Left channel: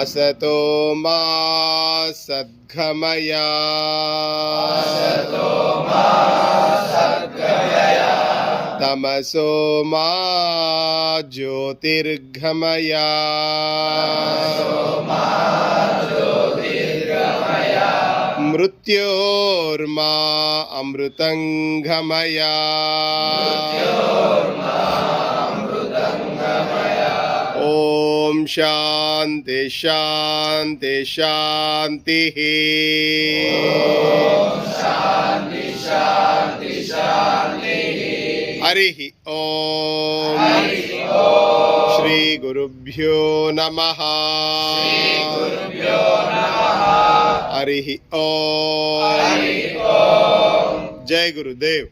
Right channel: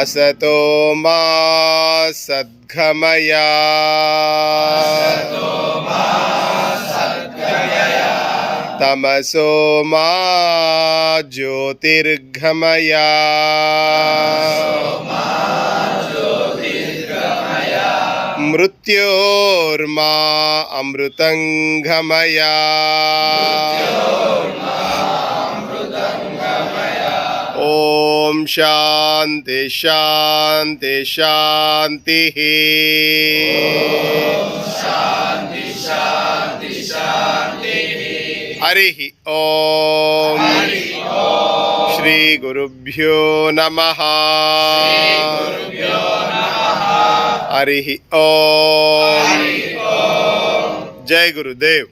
असतो मा सद्गमय तमसो मा ज्योतिर्गमय मृत्योर्मा अमृतंगमय ओम शांति शांति शांति। हरि ओम। श्री गुरुभ्यो नमः। हरि ओम। जय गुरुदेव।